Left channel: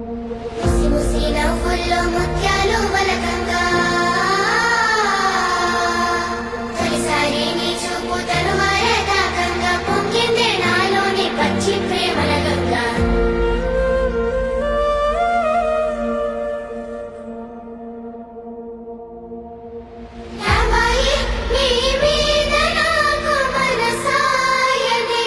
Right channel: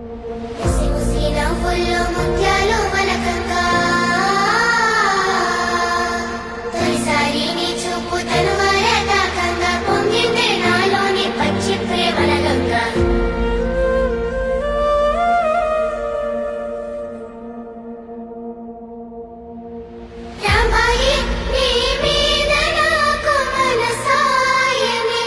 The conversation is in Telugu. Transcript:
ముసి ముసి నవ్వుల్లో ముత్యాలు మలకంగా తొలిసారి నీ చూపు తలువార తాకంగా పొంగిందే నాలోని పచ్చి ప్రేమల గంగ. రాంబాయి నీ మీద నాకు మనసాయనే.